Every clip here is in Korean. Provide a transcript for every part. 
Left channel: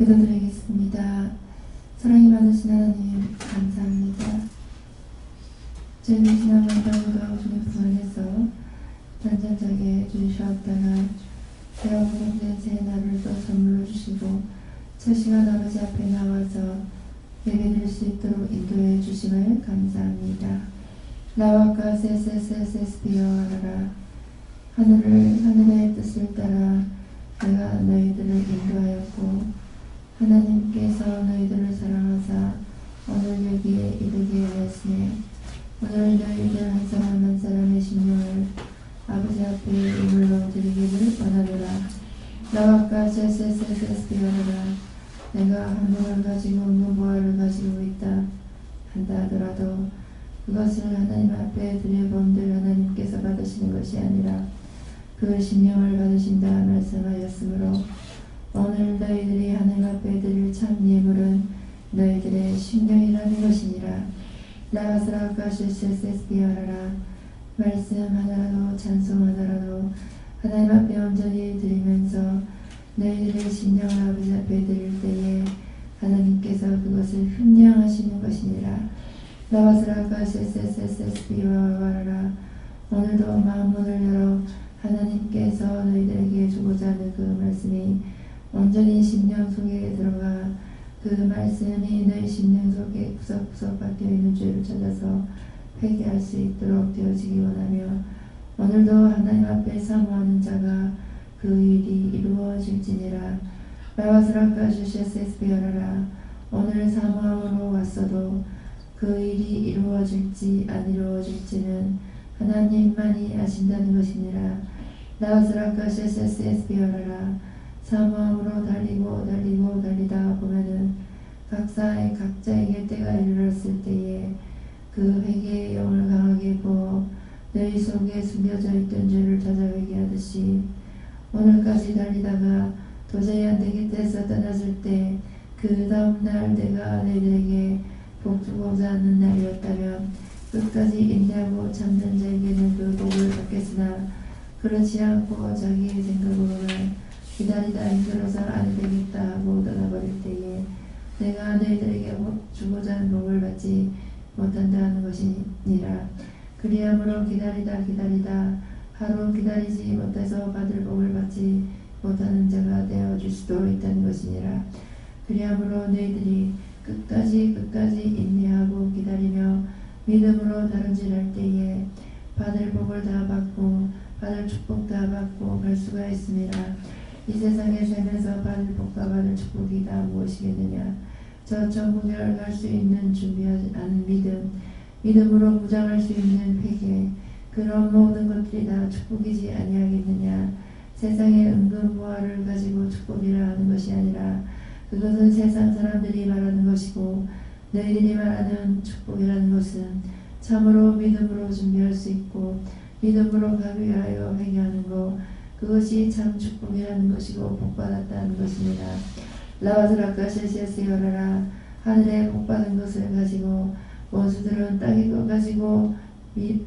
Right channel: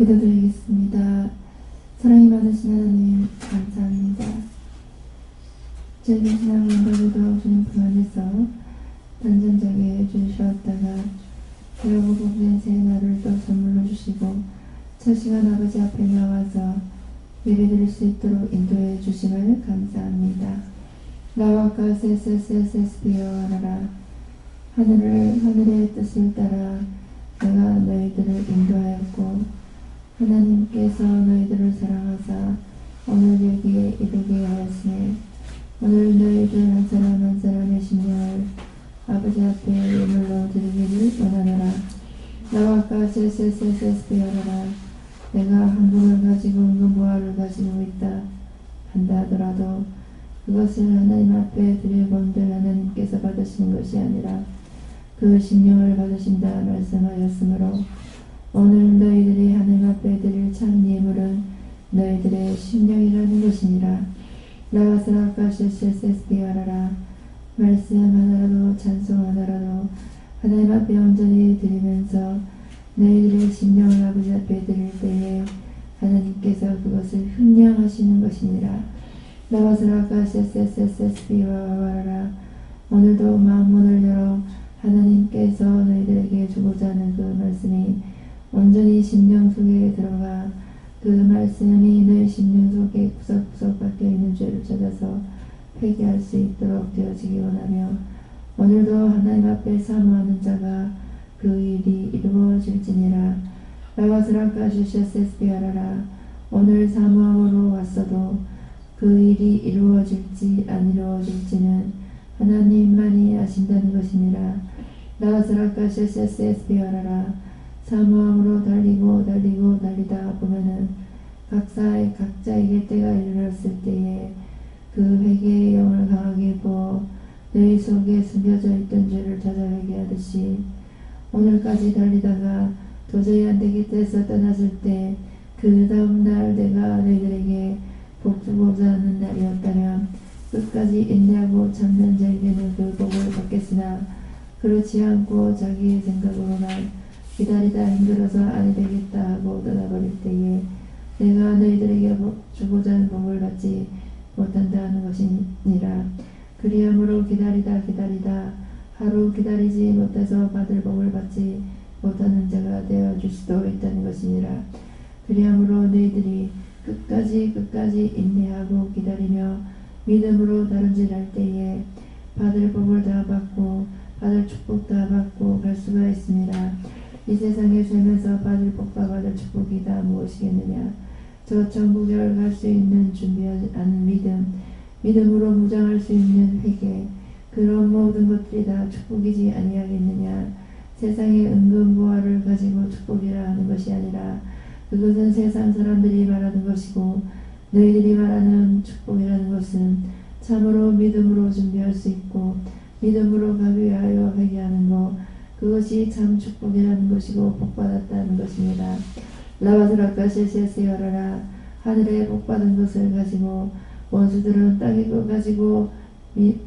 기도드리겠습니다. 사랑이 많으신 하나님 감사합니다. 저희는 지난 원더우도 주님 품 안에서 단전자게 주셨다가 배우고 복된 새 날을 또 선물로 주시고 첫 시간 아버지 앞에 나와서 예배드릴 수 있도록 인도해 주심을 감사합니다. 나와까 세세세세스피어 하라라. 하늘의 뜻을 따라 내가 너희들을 인도하였고 하나님께서 너희들을 사랑하사 오늘 여기에 이르게 하였으니 오늘 너희들 한 사람 한 사람의 심령을 아버지 앞에 예물로 드리기를 원하노라. 나와까 세세세세스피어라. 내가 한국을 가지고 무보화를 가지고 있다 한다 하더라도 그것을 하나님 앞에 드려본들 하나님께서 받으시는 것이 아니라 그 심령을 받으신다 말씀하였으므로 오늘 너희들이 하나님 앞에 드릴 참 예물은 너희들의 심령이라는 것이니라. 라가스라카시세스피아라라. 말씀 하나라도 찬송 하나라도 하나님 앞에 온전히 드리면서 너희들의 심령을 아버지 앞에 드릴 때에 하나님께서 그것을 흠량하시는 것이니라. 라가스라카시세스피아라라. 오늘도 마음문을 열어 하나님께서 너희들에게 주고자 하는 그 말씀이 온전히 심령 속에 들어가 그 말씀이 너희 심령 속에 구석구석 박혀있는 죄를 찾아서 회개할 수 있도록 되어지기 원하며 오늘도 하나님 앞에 사모하는 자가 그 일이 이루어질지니라. 라와스라카시세스피아라라. 오늘 사모함으로 왔어도 그 일이 이루어질지 안 이루어질지는 하나님만이 아신다는 것이니라. 라와스라카시세스피아라라. 사모함으로 달리다 보면은 각자에게 때가 이르렀을 때에 그 회개의 영을 강하게 부어 너희 속에 숨겨져 있던 죄를 찾아 회개하듯이 오늘까지 달리다가 도저히 안 되겠다 떠났을 때 그 다음 날 내가 너희들에게 복 주고자 하는 날이었다면 끝까지 인내하고 참는 자에게는 그 복을 받겠으나 그렇지 않고 자기의 생각으로만 기다리다 힘들어서 안 되겠다 하고 떠나버릴 때에 내가 너희들에게 주고자 하는 복을 받지 못한다 하는 것이니라. 그리함으로 기다리다 하루 기다리지 못해서 받을 복을 받지 못하는 자가 되어줄 수도 있다는 것이니라. 그리함으로 너희들이 끝까지 인내하고 기다리며 믿음으로 다름질할 때에 받을 복을 다 받고 받을 축복 다 받고 갈 수가 있습니다. 이 세상에 살면서 받을 복과 받을 축복이 다 무엇이겠느냐. 저 천국에 갈 수 있는 준비하는 믿음으로 무장할 수 있는 회개, 그런 모든 것들이 다 축복이지 아니하겠느냐. 세상의 은근보화를 가지고 축복이라 하는 것이 아니라 그것은 세상 사람들이 말하는 것이고 너희들이 말하는 축복이라는 것은 참으로 믿음으로 준비할 수 있고 믿음으로 가기 위하여 회개하는 것, 그것이 참 축복이라는 것이고 복받았다는 것입니다. 라와드라카시세스여라라. 하늘에 복받은 것을 가지고 원수들은 땅의 것 가지고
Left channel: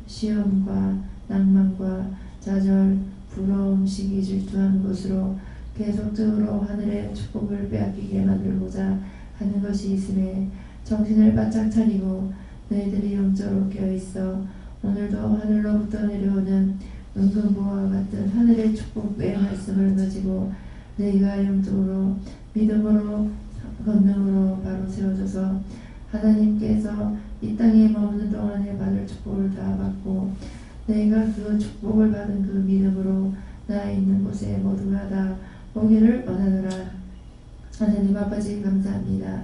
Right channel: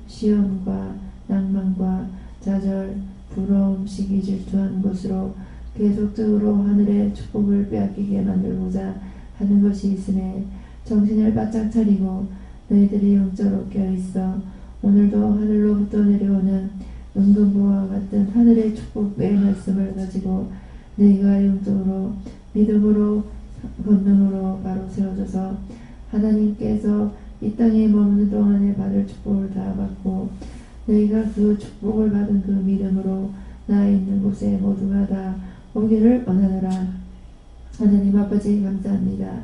시험과 낭만과 좌절, 부러움, 시기, 질투하는 것으로 계속적으로 하늘의 축복을 빼앗기게 만들고자 하는 것이 있음에 정신을 바짝 차리고 너희들이 영적으로 깨어있어 오늘도 하늘로부터 내려오는 은근보화와 같은 하늘의 축복의 말씀을 가지고 너희가 영적으로 믿음으로 권능으로 바로 세워져서 하나님께서 이 땅에 머무는 동안에 받을 축복을 다 받고 너희가 그 축복을 받은 그 믿음으로 나 있는 곳에 모두가 다 오기를 원하노라. 하나님 아버지 감사합니다.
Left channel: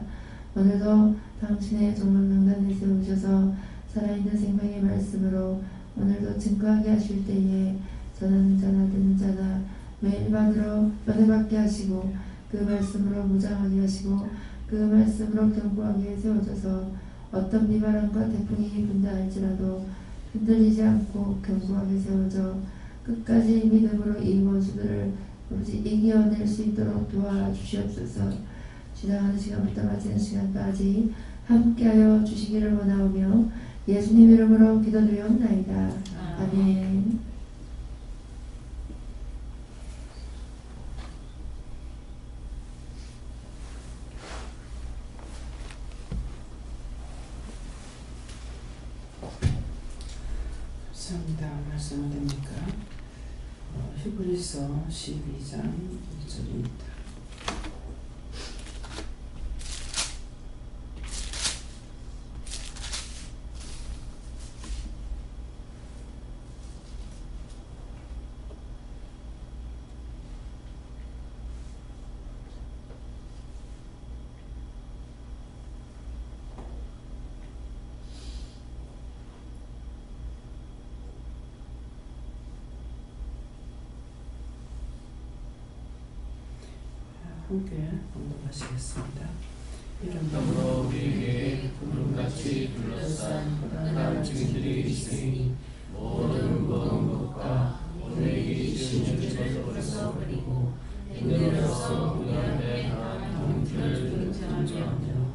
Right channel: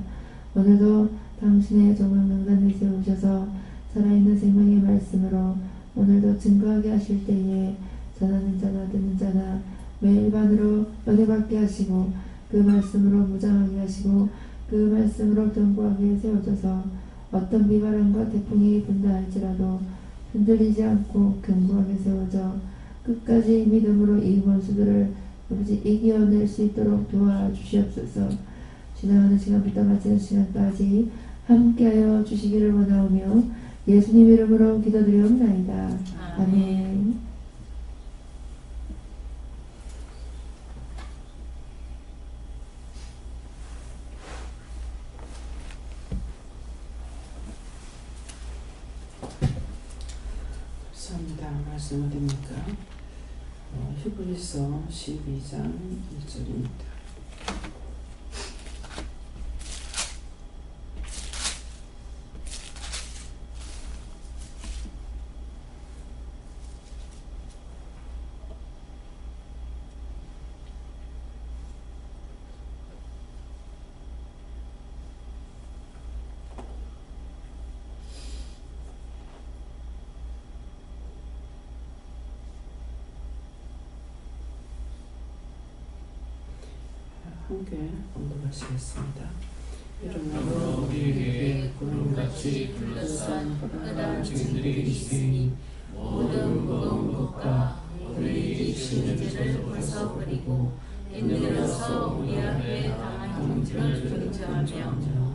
오늘도 당신의 종말명단에 세우셔서 살아있는 생명의 말씀으로 오늘도 증거하게 하실 때에 전하는 자나 듣는 자나 매일 반으로 은혜받게 하시고 그 말씀으로 무장하게 하시고 그 말씀으로 견고하게 세워져서 어떤 비바람과 태풍이 분다 할지라도 흔들리지 않고 견고하게 세워져 끝까지 믿음으로 이 원수들을 아버지 이겨낼 수 있도록 도와주시옵소서. 지나가는 시간부터 마치는 시간까지 함께하여 주시기를 원하오며 예수님 이름으로 기도드리옵나이다. 아멘. 감사합니다. 말씀 어딥니까? 히브리서 12장 1절입니다. 함께 봉독하시겠습니다. 이러므로 우리에게 구름같이 둘러싼 허다한 증인들이 있으니 모든 무거운 것과 우리에게 지는 죄를 벗어버리고 인내로서 우리 앞에 나아가는 길을 의지하며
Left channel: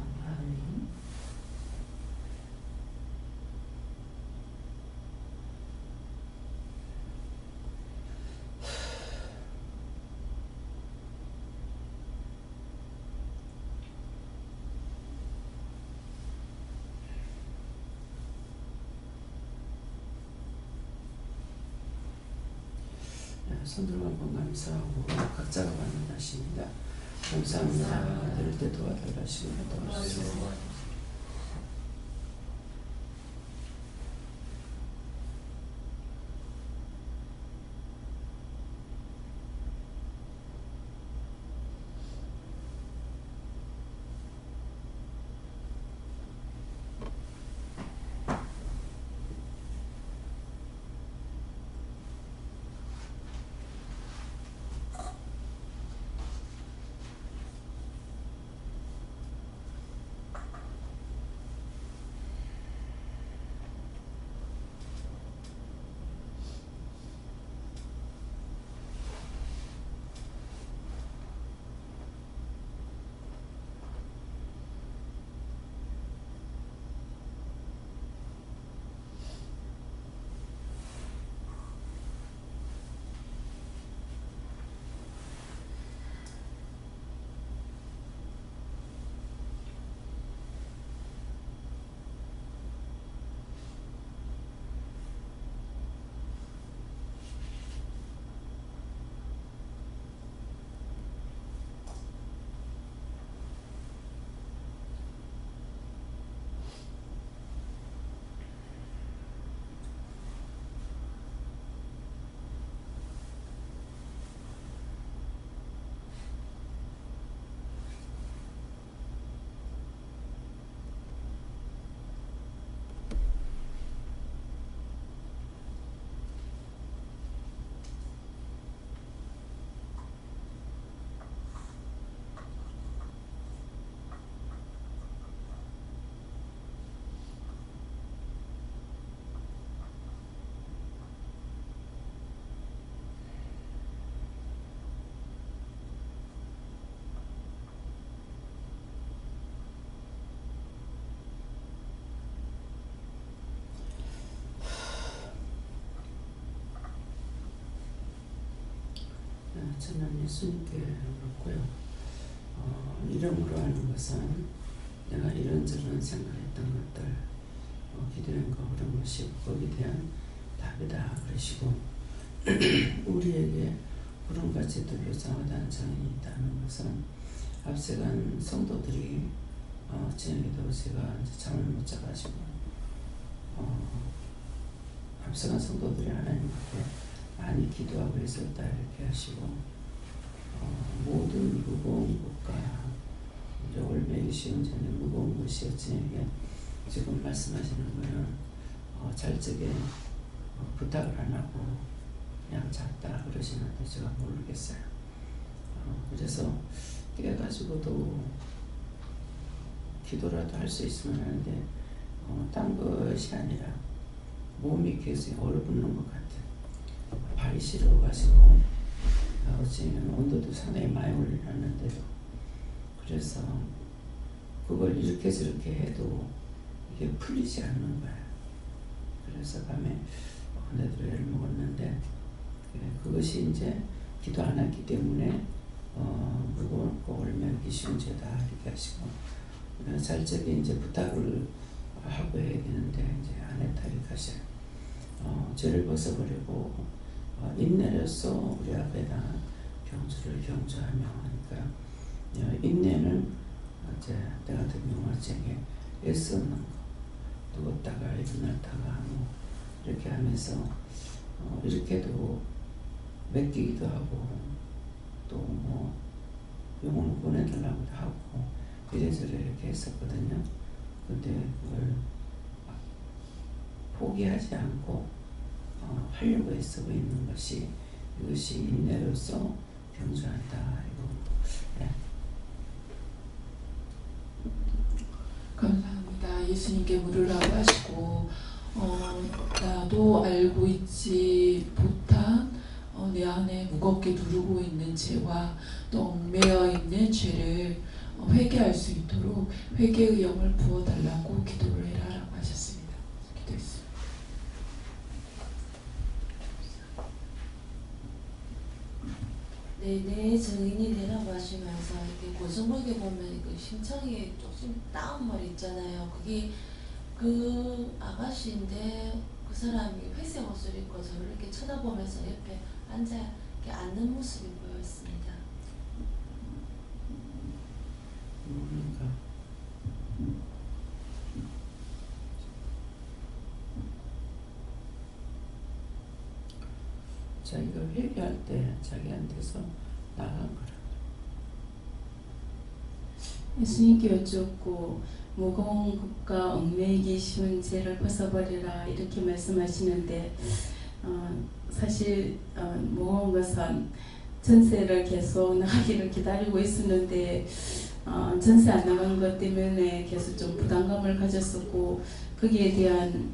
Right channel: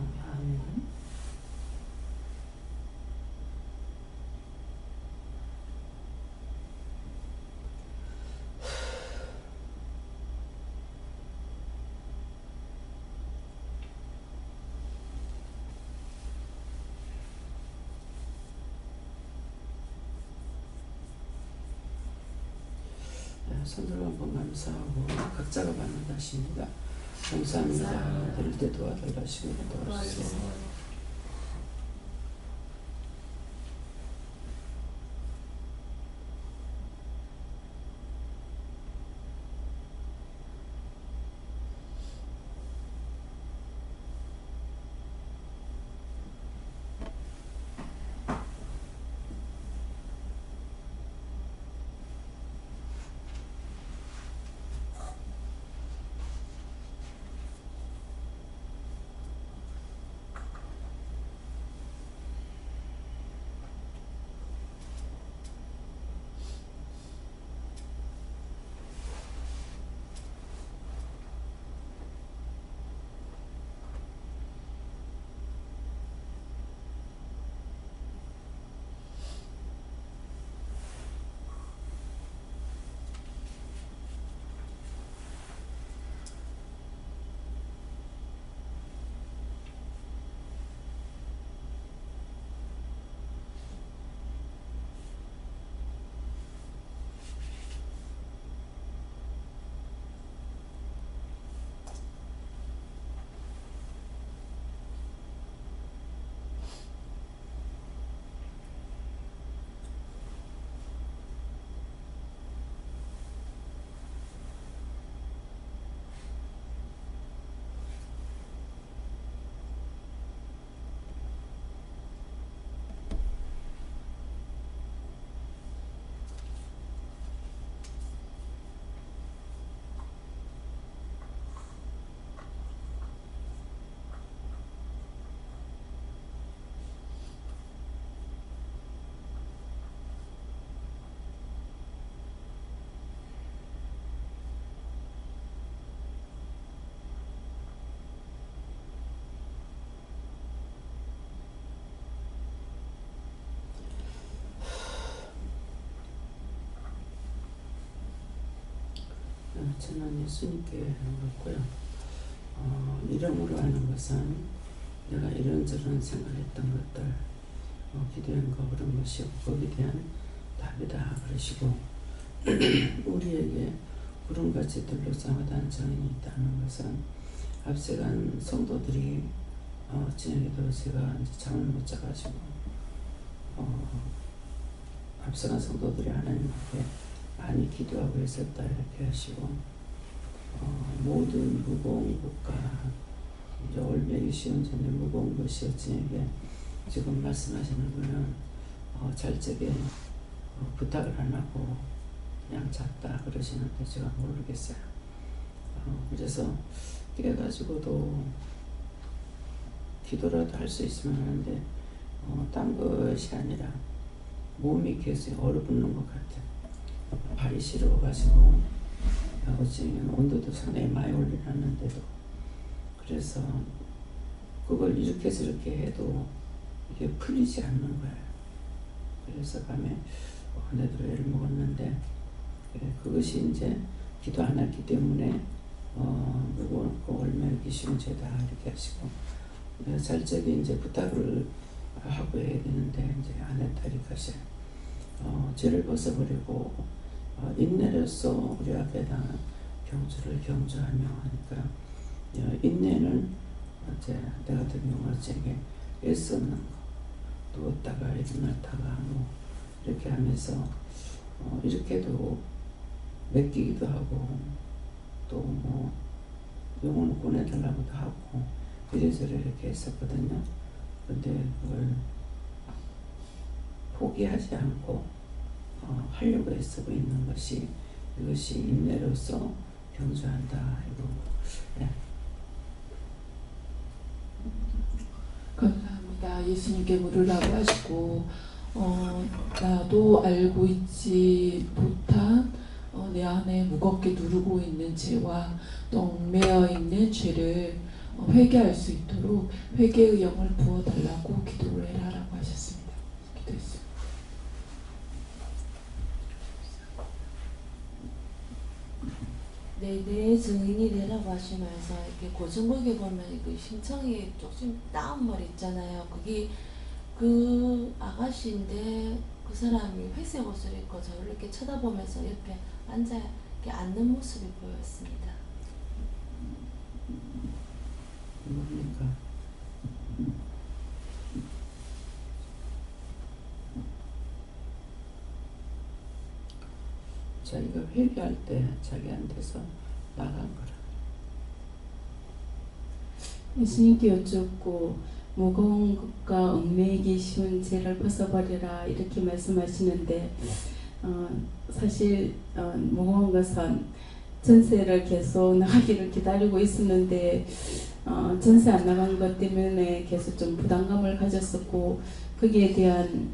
손들어 한번 감사하고 각자가 받는 것입니다. 감사합니다. 들을 때 도와달라시고 도와주세요. 저는 예수님께 묻고요. 이름으로 하는 것은 내가 이런저런 생각했던 것들, 기도한 거 그런 것이고 거기에 대한 답이다 그러시고 우리에게 구름같이 둘러싼 허다한 증인이 있다는 것은 앞서간 성도들이 저녁에도 제가 이제 잠을 못 자가지고 앞서간 성도들이 하나님 앞에 많이 기도하고 있었다 이렇게 하시고 모든 무거운 것과 이제 올매기 쉬운 전에 무거운 것이었지 지금 말씀하시는 거는 잘 적에 부탁을 안 하고 그냥 잤다 그러시는데 제가 모르겠어요. 그래서 깨가지고도 기도라도 할 수 있으면 하는데 딴 것이 아니라 몸이 계속 얼어붙는 것 같아요. 발이 시려워가지고 어찌면 온도도 상당히 많이 올려놨는데도 그래서 그걸 이렇게 저렇게 해도 이게 풀리지 않는 거야. 그래서 밤에 내도 애를 먹었는데 그것이 이제 기도 안 했기 때문에 무겁고 얼매기 쉬운 죄다 이렇게 하시고 잘 적에 이제 부탁을 하고 해야 되는데 이제 안 했다 이렇게 하셔요. 죄를 벗어버리고 인내로서 우리 앞에다 경주를 경주하며 하니까 인내는 이제 내 같은 경우는 제게 애쓰는 거, 누웠다가 일어났다가 뭐 이렇게 하면서 이렇게도 맡기기도 하고 또 뭐 영혼을 보내달라고도 하고 이래저래 이렇게 했었거든요. 근데 그걸 포기하지 않고 하려고 애쓰고 있는 것이 이것이 인내로서 경주한다. 이거 네. 감사합니다. 예수님께 물으라고 하시고 나도 알고 있지 못한 내 안에 무겁게 누르고 있는 죄와 또 얽매여 있는 죄를 회개할 수 있도록 회개의 영을 부어달라고 기도를 해라라고 하셨습니다. 기도했습니다. 네, 내 증인이 되라고 하시면서 이렇게 고성목에 보면 그 심청이 조금 다운말 있잖아요. 그게 그 아가씨인데 그 사람이 회색 옷을 입고 저를 이렇게 쳐다보면서 옆에 앉아 이렇게 앉는 모습이 보였습니다. 뭡니까? 자기가 회개할 때 자기한테서 나간 거라. 예수님께 여쭙고 무거운 것과 얽매이기 쉬운 죄를 벗어버리라 이렇게 말씀하시는데 사실 무거운 것은 전세를 계속 나가기를 기다리고 있었는데 전세 안 나간 것 때문에 계속 좀 부담감을 가졌었고 거기에 대한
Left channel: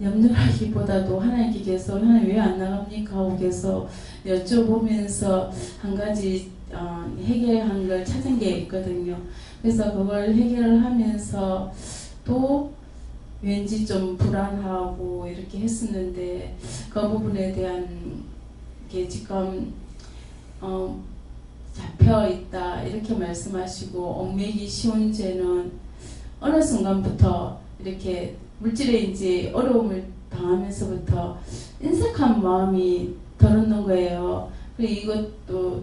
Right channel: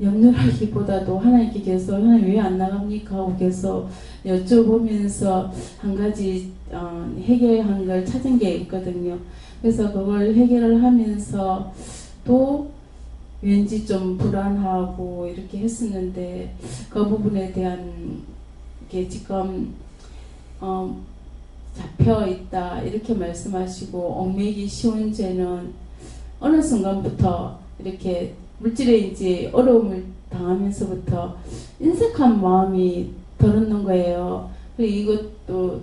염려하기보다도 하나님께 계속 하나님 왜 안 나갑니까 하고 계속 여쭤보면서 한 가지 해결한 걸 찾은 게 있거든요. 그래서 그걸 해결을 하면서 또 왠지 좀 불안하고 이렇게 했었는데 그 부분에 대한 게 지금 잡혀 있다 이렇게 말씀하시고 얽매이기 쉬운 죄는 어느 순간부터 이렇게 물질에 어려움을 당하면서부터 인색한 마음이 들었는 거예요. 그리고 이것도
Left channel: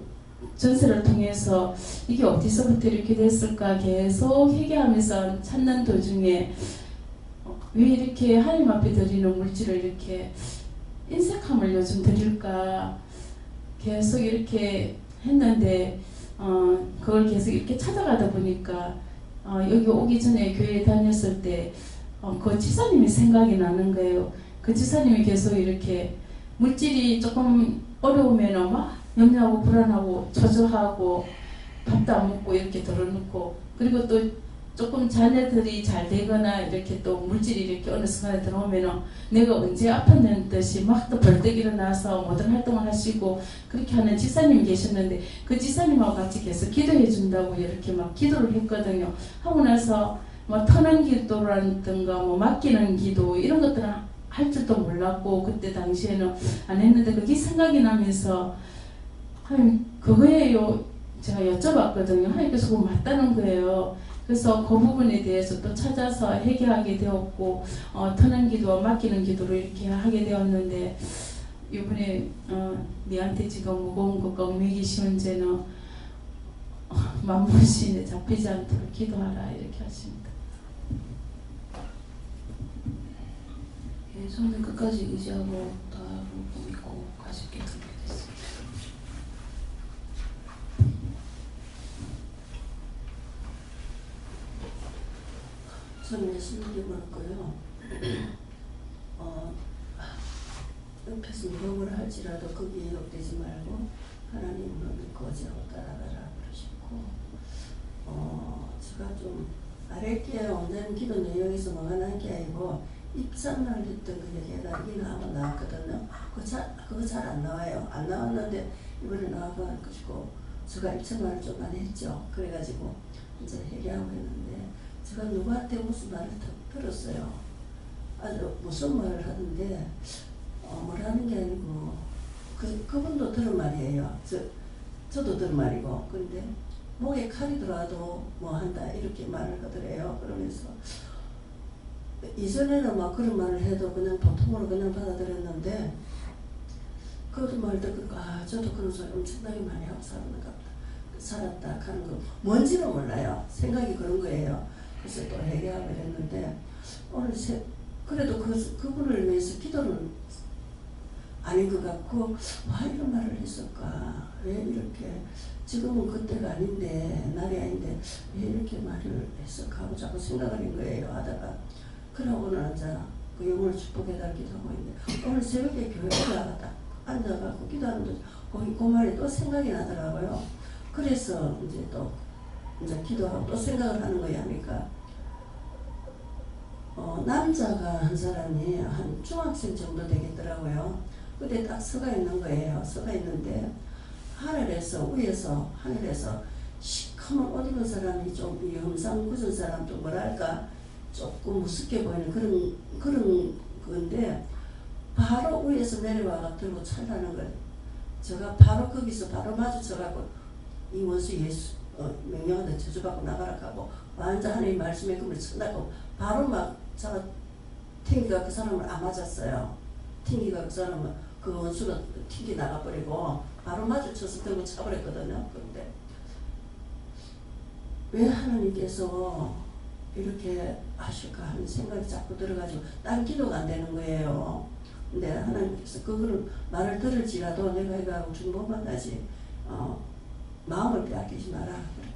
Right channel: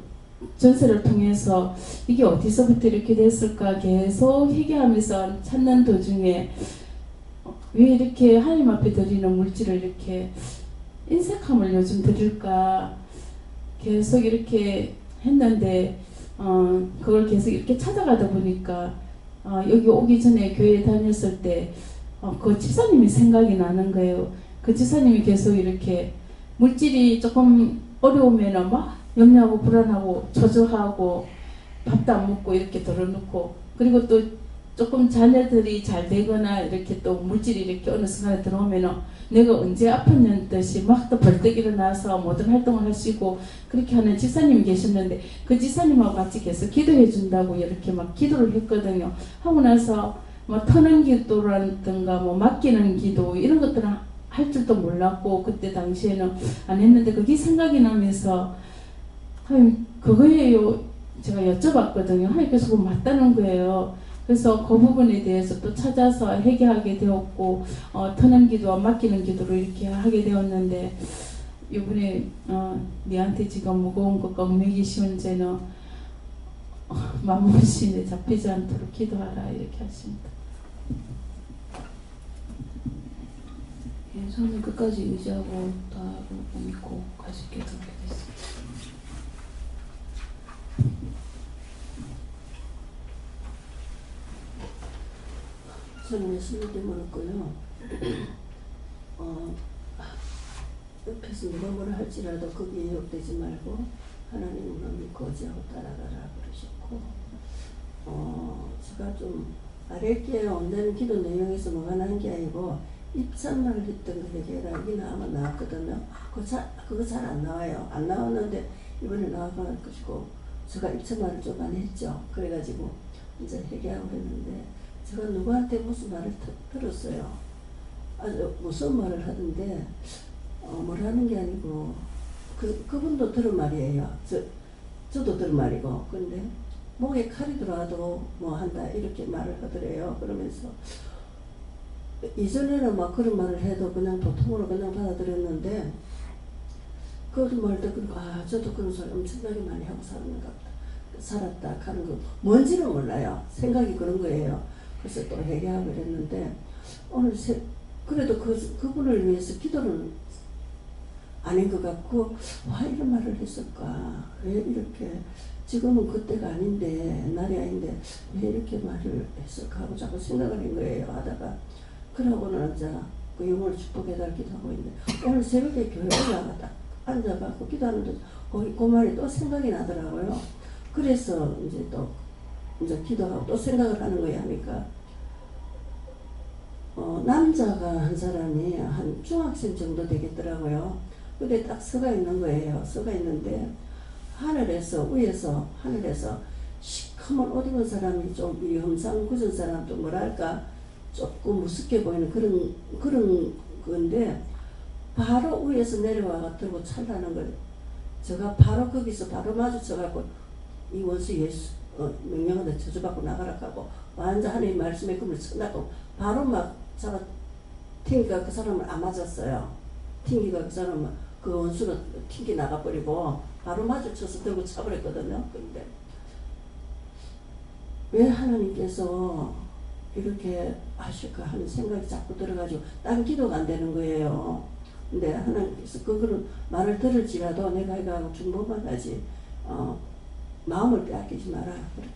전세를 통해서 이게 어디서부터 이렇게 됐을까 계속 회개하면서 찾는 도중에 왜 이렇게 하나님 앞에 드리는 물질을 이렇게 인색함을 요즘 드릴까 계속 이렇게 했는데 그걸 계속 이렇게 찾아가다 보니까 여기 오기 전에 교회에 다녔을 때 그 지사님이 생각이 나는 거예요. 그 지사님이 계속 이렇게 물질이 조금 어려우면 막 염려하고 불안하고 초조하고 밥도 안 먹고 이렇게 덜어놓고 그리고 또 조금 자녀들이 잘 되거나 이렇게 또 물질이 이렇게 어느 순간에 들어오면 내가 언제 아팠는 듯이 막 또 벌떡 일어나서 모든 활동을 하시고 그렇게 하는 지사님이 계셨는데 그 지사님하고 같이 계속 기도해 준다고 이렇게 막 기도를 했거든요. 하고 나서 뭐 터는 기도라든가 뭐 맡기는 기도 이런 것들은 할 줄도 몰랐고 그때 당시에는 안 했는데 그게 생각이 나면서 하나님 그거예요. 제가 여쭤봤거든요. 하나님께서 그거 맞다는 거예요. 그래서 그 부분에 대해서 또 찾아서 회개하게 되었고 터는 기도와 맡기는 기도를 이렇게 하게 되었는데 이번에 네한테 지금 무거운 것과 얽매이기 쉬운 죄는 만물신에 잡히지 않도록 기도하라 이렇게 하십니다. 예, 저는 끝까지 의지하고 다 믿고 가실게 준비됐습니다. 저는 예수님께 물었고요. 옆에서 누가 뭐라 할지라도 거기에 욕되지 말고 하나님을 믿고 어지하고 따라가라 그러셨고 제가 좀 아랫게 온다는 기도 내용에서 뭐가 난 게 아니고 입산만 했던 그 얘기가 이게 나왔거든요. 그거 잘 안 나와요. 안 나왔는데 이번에 나와가지고 제가 입천만을 좀 많이 했죠. 그래가지고 이제 회개하고 했는데 제가 누구한테 무슨 말을 들었어요. 아주 무슨 말을 하는데 뭐라는 게 아니고 그분도 들은 말이에요. 저도 들은 말이고 근데 목에 칼이 들어와도 뭐 한다 이렇게 말을 하더래요. 그러면서 이전에는 막 그런 말을 해도 그냥 보통으로 그냥 받아들였는데 그런 말 듣고 저도 그런 소리 엄청나게 많이 하고 살았다 하는 거 뭔지는 몰라요. 생각이 그런 거예요. 그래서 또 회개하고 이랬는데 오늘 그래도 그분을 위해서 기도는 아닌 것 같고 와 이런 말을 했을까 왜 이렇게 지금은 그때가 아닌데 날이 아닌데 왜 이렇게 말을 했을까 하고 자꾸 생각을 한 거예요. 하다가 그러고는 그 영혼을 축복해달 기도하고 있는데 오늘 새벽에 교회에 딱 앉아갖고 기도하는데 그 말이 또 생각이 나더라고요. 그래서 이제 기도하고 또 생각을 하는 거야 하니까 남자가 한 사람이 한 중학생 정도 되겠더라고요. 근데 딱 서가 있는 거예요. 서가 있는데 위에서 하늘에서 시커먼 옷 입은 사람이 좀 험상 굳은 사람 좀 뭐랄까 조금 무섭게 보이는 그런 건데 바로 위에서 내려와 들고 찰다는 거예요. 제가 바로 거기서 바로 마주쳐갖고 이 원수 예수 명령한테 저주받고 나가라 하고 완전 하나님 말씀에 그물 쳐나고 바로 막 제가 튕기가 그 사람을 안 맞았어요. 튕기가 그 사람은 그 원수가 튕기 나가버리고 바로 마주쳐서 들고 차버렸거든요. 그런데 왜 하나님께서 이렇게 하실까 하는 생각이 자꾸 들어가지고 딴 기도가 안 되는 거예요. 근데 하나님께서 그거는 말을 들을지라도 내가 이거 중보만 하지 마음을 빼앗기지 마라 그렇게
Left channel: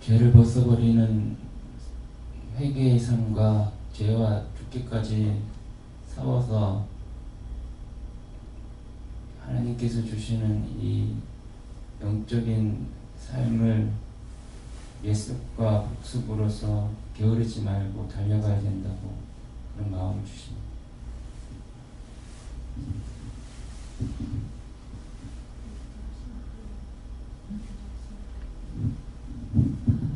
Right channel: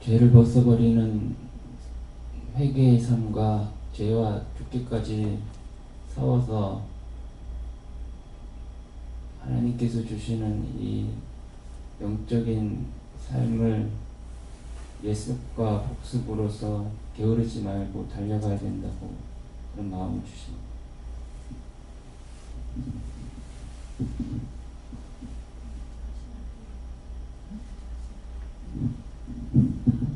죄를 벗어버리는 회개의 삶과 죄와 죽기까지 싸워서 하나님께서 주시는 이 영적인 삶을 예습과 복습으로서 게으르지 말고 달려가야 된다고 그런 마음을 주십니다.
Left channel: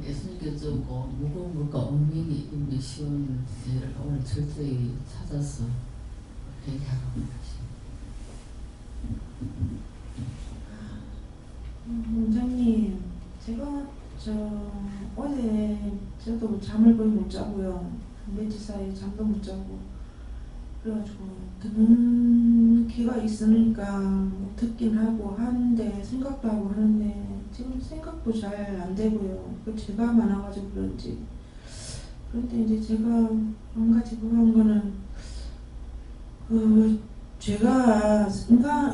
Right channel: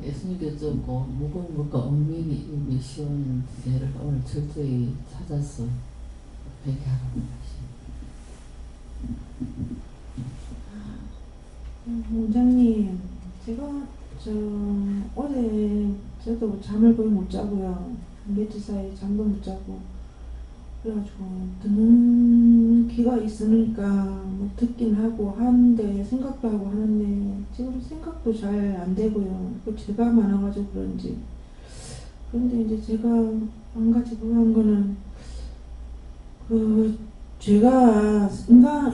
예수님께서 무거운 것과 얽매기 있는 쉬운 죄를 오늘 철저히 찾아서 회개하라고 하십니다. 원장님, 제가 어제 저도 잠을 거의 못 자고요. 며칠 사이에 잠도 못 자고 그래가지고 듣는 귀가 있으니까 뭐 듣긴 하고 하는데 생각도 하고 하는데 지금 생각도 잘 안 되고요. 그 죄가 많아가지고 그런지. 그런데 이제 제가 한 가지 그런 거는 그 죄가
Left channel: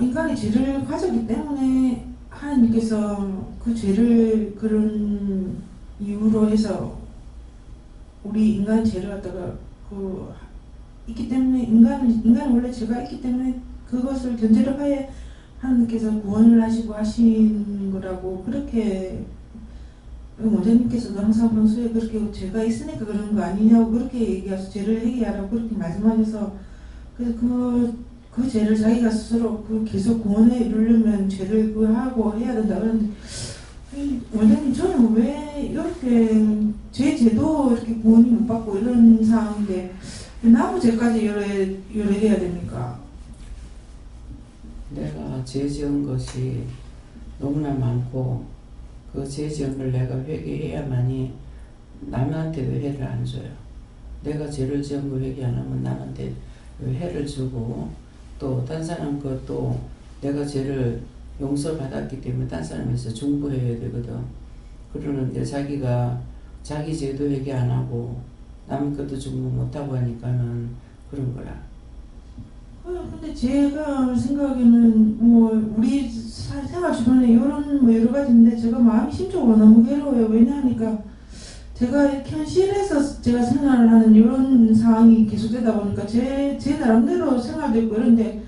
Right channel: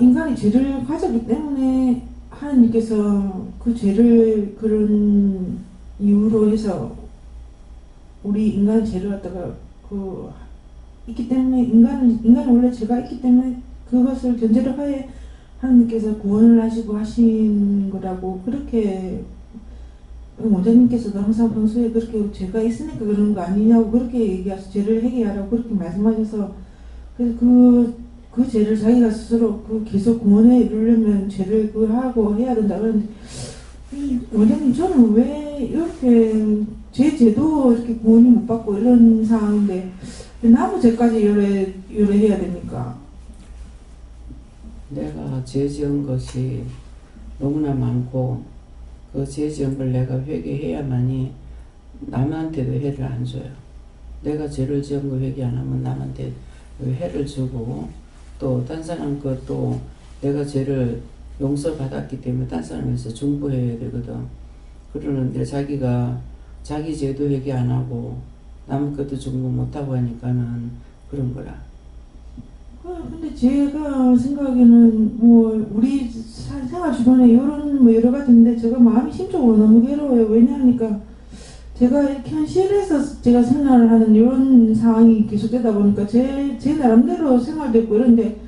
인간이 죄를 가졌기 때문에 하나님께서 그 죄를 그런 이유로 해서 우리 인간 죄를 갖다가 있기 때문에 인간은 원래 죄가 있기 때문에 그것을 견제를 하에 하나님께서 구원을 하시고 하신 거라고 그렇게 원장님께서도 항상 평소에 그렇게 죄가 있으니까 그런 거 아니냐고 그렇게 얘기하셔서 죄를 회개하라고 그렇게 말씀하셔서 그래서 그 죄를 자기가 스스로 계속 구원에 이르려면 죄를 하고 해야 된다 그러는데 원장님 저는 왜 이렇게 죄도 이렇게 구원이 못 받고 이런 상황인데 나무 죄까지 요래해야 됩니까? 내가 죄 지은 것이 너무나 많고 그 죄 지은 걸 내가 회개해야만이 남한테도 해를 안 줘요. 내가 죄를 지은 거 회개 안 하면 남한테 해를 주고 또 딴 사람 것도 내가 죄를 용서받았기 때문에 딴 사람에서 중보해야 되거든. 그러는데 자기가 자기 죄도 회개 안 하고 남 것도 중보 못하고 하니까는 그런 거라. 근데 제가 생각에는 뭐 우리 생활 주변에 이런 뭐 여러 가지 있는데 제가 마음이 심적으로 너무 괴로워요. 왜냐하니까 제가 이렇게 현실에서 제가 생활을 하는 이런 상황이 계속되다 보니까 제 나름대로 생활도 있고 이런데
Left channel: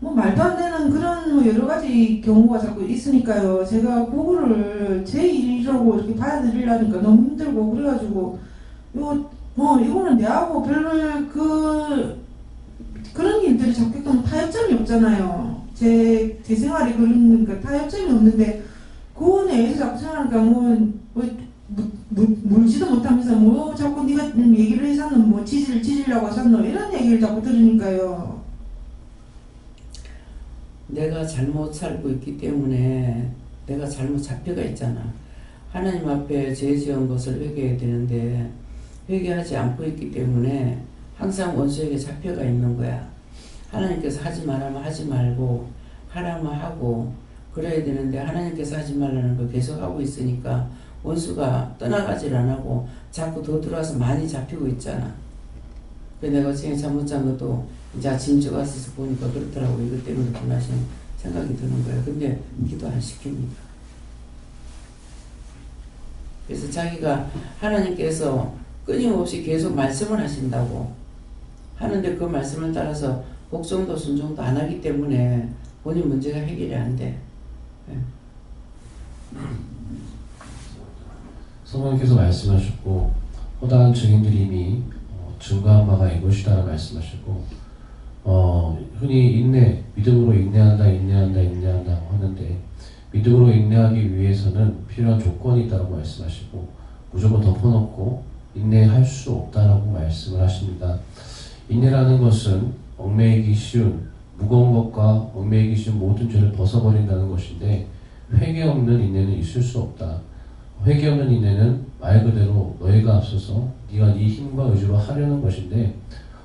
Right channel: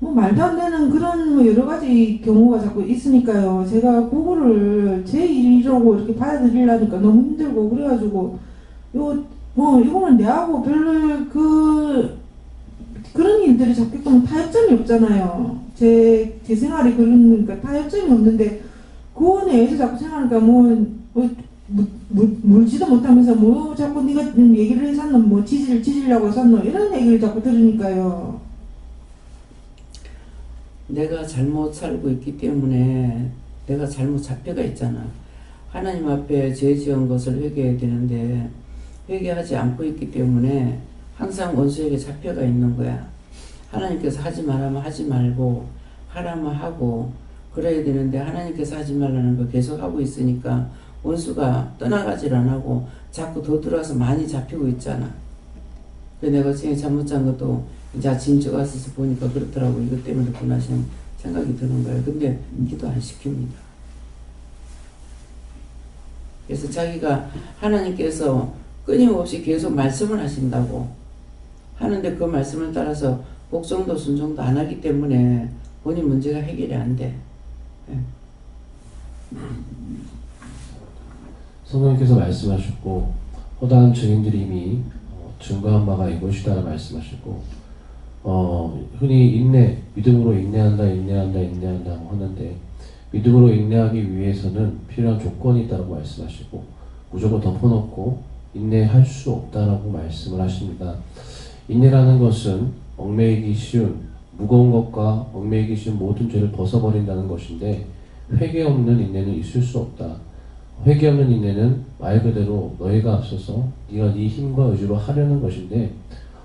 뭐 말도 안 되는 그런 뭐 여러 가지 경우가 자꾸 있으니까요. 제가 그거를 제 일이라고 이렇게 받아들이려니까 너무 힘들고 그래가지고 이거는 내하고 별 그런 일들이 자꾸 있으면 타협점이 없잖아요. 제 생활이 그러니까 타협점이 없는데 구원에 의해서 자꾸 생각하니까 물지도 못하면서 뭐 자꾸 네가 얘기를 해서 뭐 지지려고 샀노 이런 얘기를 자꾸 들으니까요. 내가 잘못 살고 있기 때문에 내가 잘못 잡혀가 있잖아. 하나님 앞에 죄 지은 것을 회개해야 되는데 회개하지 않고 있기 때문에 항상 원수에게 잡혀가 있는 거야. 하나님께서 하지 말라면 하지 말고 하라면 하고 그래야 되는데 하나님께서 하지 말라는 거 계속 하고 있으니까 원수가 떠나가질 안 하고 자꾸 더 들어와서 많이 잡히고 있잖아. 그래서 내가 어제 잠못 잔 것도 이제 아침 와서 보니까 그렇더라고. 이것 때문에 그렇구나 하시는 생각이 드는 거예요. 근데 기도 안 시킵니다. 그래서 자기가 하나님께서 끊임없이 계속 말씀을 하신다고 하는데 그 말씀을 따라서 복종도 순종도 안 하기 때문에 본인 문제가 해결이 안 돼. 네. 성령께서 말씀하셨고 허다한 증인들이 이미 증거한 바가 이것이다 말씀하셨고 흔히 인내, 믿음으로 인내한다 하는데 믿음으로 인내하기 위해서는 필요한 조건이 있다고 말씀하시고 무조건 덮어놓고 인내할 수 없다라고 말씀을 하십니다. 인내라는 것은 얽매이기 쉬운 무거운 것과 얽매이기 쉬운 모든 죄를 벗어버린다는 것인데 회개 없는 인내는 있을 수 없다. 회개 없는 인내는 말 그대로 너희가 앞서서 네가 네 힘과 의지로 하려는 것인데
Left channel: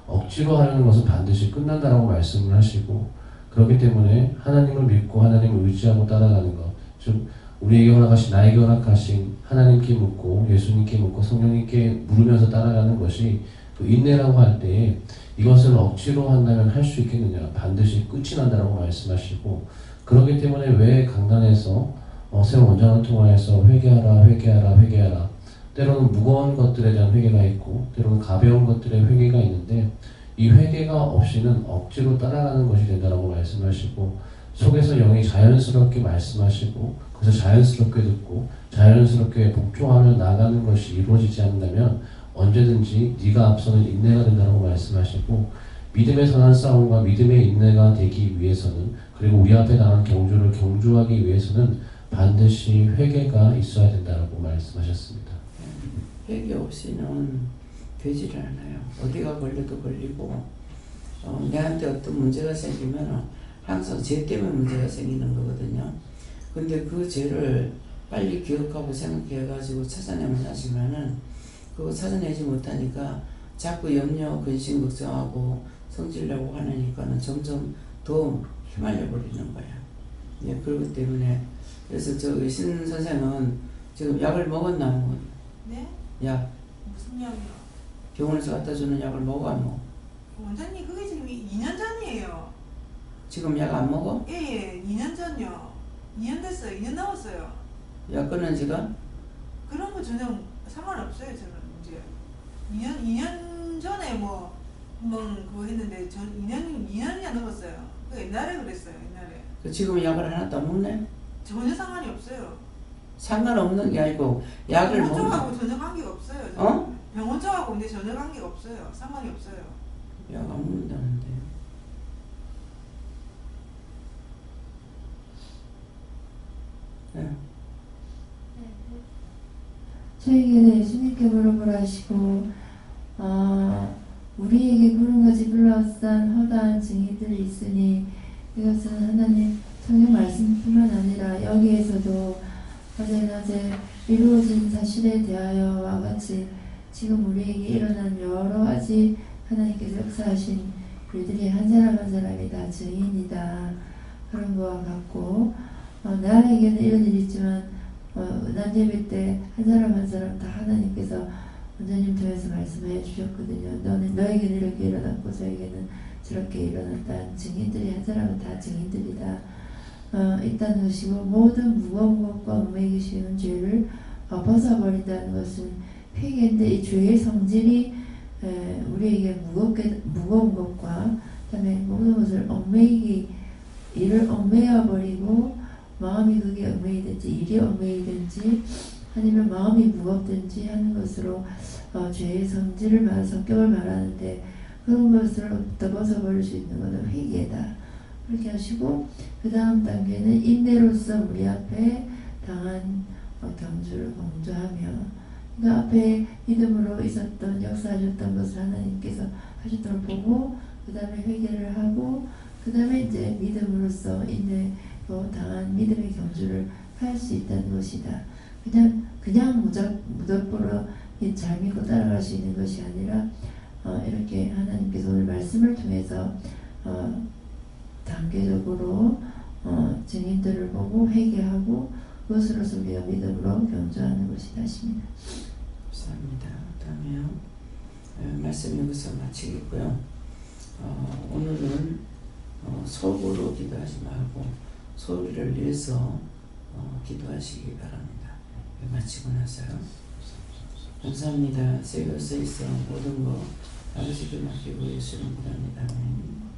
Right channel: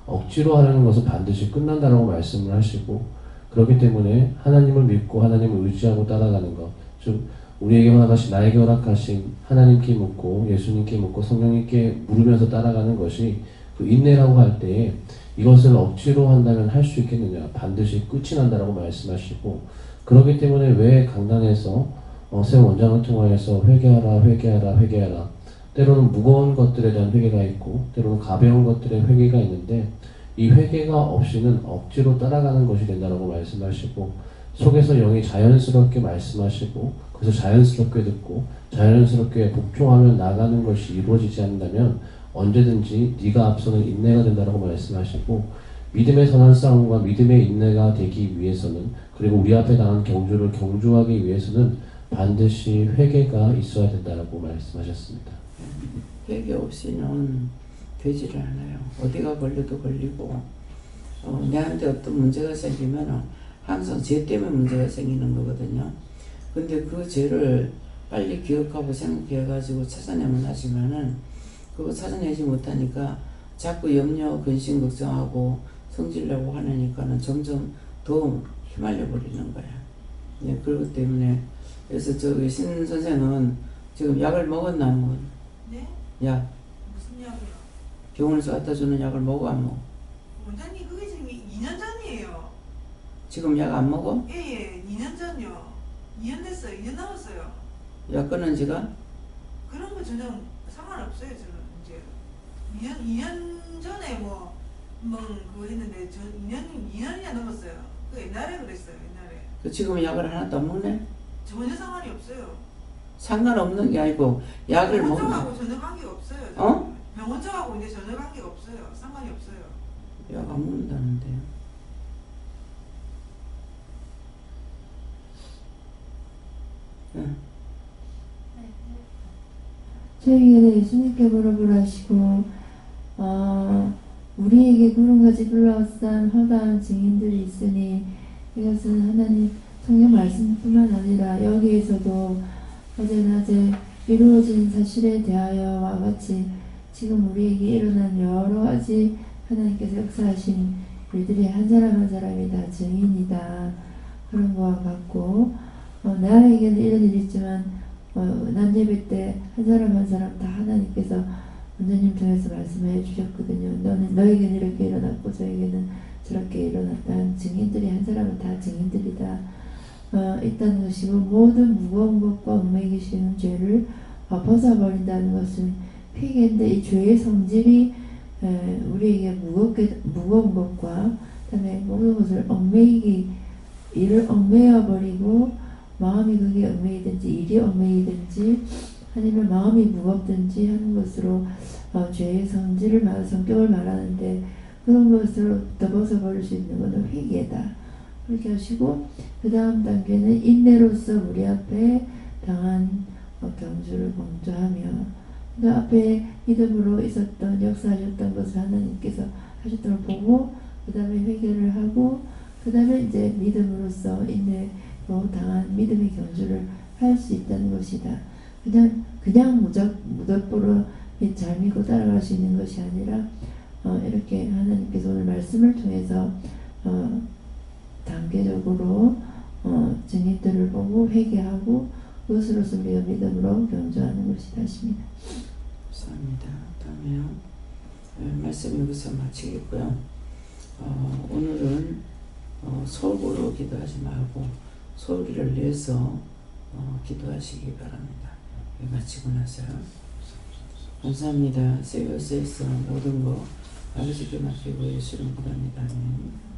억지로 하려는 것은 반드시 끝난다라고 말씀을 하시고 그렇기 때문에 하나님을 믿고 하나님을 의지하고 따라가는 것, 즉 우리에게 허락하신 나에게 허락하신 하나님께 묻고 예수님께 묻고 성령님께 물으면서 따라가는 것이 그 인내라고 할 때에 이것을 억지로 한다면 할 수 있겠느냐, 반드시 끝이 난다라고 말씀하시고 그렇기 때문에 왜 강단에서 새 원장을 통하여서 회개하라 때로는 무거운 것들에 대한 회개가 있고 때로는 가벼운 것들의 회개가 있는데 이 회개가 없이는 억지로 따라가는 것이 된다라고 말씀하시고 속에서 영이 자연스럽게 말씀하시고 그래서 자연스럽게 듣고 자연스럽게 복종하며 나가는 것이 이루어지지 않는다면 언제든지 네가 앞서는 인내가 된다라고 말씀하시고 믿음의 선한 싸움과 믿음의 인내가 되기 위해서는 그리고 우리 앞에 당한 경주를 경주하기 위해서는 반드시 회개가 있어야 된다라고 말씀하셨습니다. 회개 없이는 되지를 않아요. 어디가 걸려도 걸리고 내한테 어떤 문제가 생기면 항상 죄 때문에 문제가 생기는 거거든요. 근데 그 죄를 빨리 기억하고 생각해가지고 찾아내면 하지만은 그거 찾아내지 못하니까 자꾸 염려, 근심, 걱정하고 성질내고 하니까는 점점 더 휘말려 버리는 거야. 예, 그렇기 때문에 그래서 저 신 선생은 지금 약을 먹었나 안 먹었나? 네? 약. 무슨 약이요? 병원에서 갖다 주는 약을 먹어 안 먹어? 원장님 그게 지금 2년 전이에요. 지금 약 안 먹어? 예, 2년 전요. 2년 됐어요. 2년 넘었어요. 약 끊은 지가? 그런 거 전혀 상관없어요. 저는 이제 2년 전에 그거 했는데 전 2년이나 넘었어요. 그 옛날에 그랬어요. 옛날에. 그 지금 약을 하나도 안 먹네? 전혀 상관이 없어요. 상관없는 게 아니고 약을 먹는. 병원 쪽하고 전혀 관계가 없어요. 어? 병원 쪽하고 근데 전혀 관계가 없어요. 상관이 없어요. 약 안 먹는다는데. 네. 저에게 예수님께 물어보라 하시고 우리에게 구름같이 불러싼 허다한 증인들이 있으니 이것은 하나님 성경 말씀뿐만 아니라 여기에서도 어제 낮에 이루어진 사실에 대하여와 같이 지금 우리에게 일어난 여러 가지 하나님께서 역사하신 일들이 한 사람 한 사람이 다 증인이다. 그런 거와 같고 나에게는 이런 일이 있지만 난예배 때 한 사람 한 사람 다 하나님께서 원장님 통해서 말씀해 주셨거든요. 너에게는 이렇게 일어났고 저에게는 저렇게 일어났다는 증인들이 한 사람은 다 증인들이다. 있다는 것이고 모든 무거운 것과 얽매이기 쉬운 죄를 벗어버린다는 것은 회개인데 이 죄의 성질이 우리에게 무거운 것과 그다음에 모든 것을 이를 얽매여버리고 마음이 그게 얽매이든지 일이 얽매이든지 아니면 마음이 무겁든지 하는 것으로 죄의 성격을 말하는데 그런 것으로부터 벗어버릴 수 있는 것은 회개다. 그렇게 하시고 그 다음 단계는 인내로서 우리 앞에 당한 경주를 강조하며 그 앞에 믿음으로 있었던 역사하셨던 것을 하나님께서 하셨던 걸 보고 그 다음에 회개를 하고 그 그 다음에 이제 믿음으로써 인내로 당한 믿음의 경주를 할 수 있다는 것이다. 그냥 무덤보로 잘 믿고 따라갈 수 있는 것이 아니라 이렇게 하나님께서 오늘 말씀을 통해서 단계적으로 증인들을 보고 회개하고 그것으로서 우리가 믿음으로 경주하는 것이다 하십니다. 감사합니다. 다음에요. 말씀 여기서 마치겠고요. 오늘은 속으로 기도하지 말고 소리를 내서 기도하시기 바랍니다. 마치고 나서요. 감사합니다. 세계에서 모든 거 아버지께 맡기고 예수를 구합니다. 아멘.